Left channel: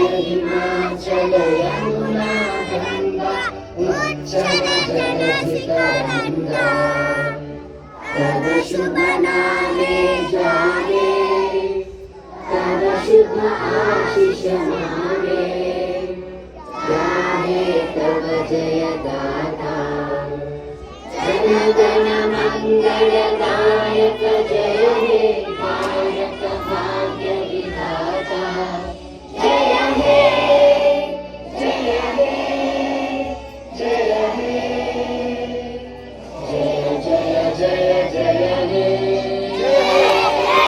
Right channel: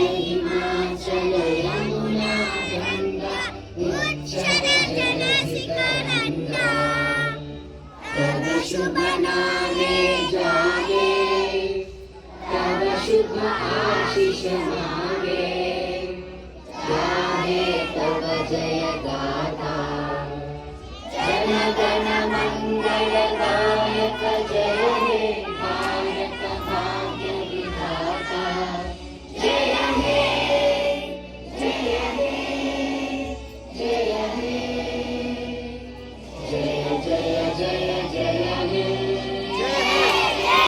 हिमाचल यमुना गंगा उच्चल जलधितरंगा तव शुभ नामे जागे तव शुभ आशीष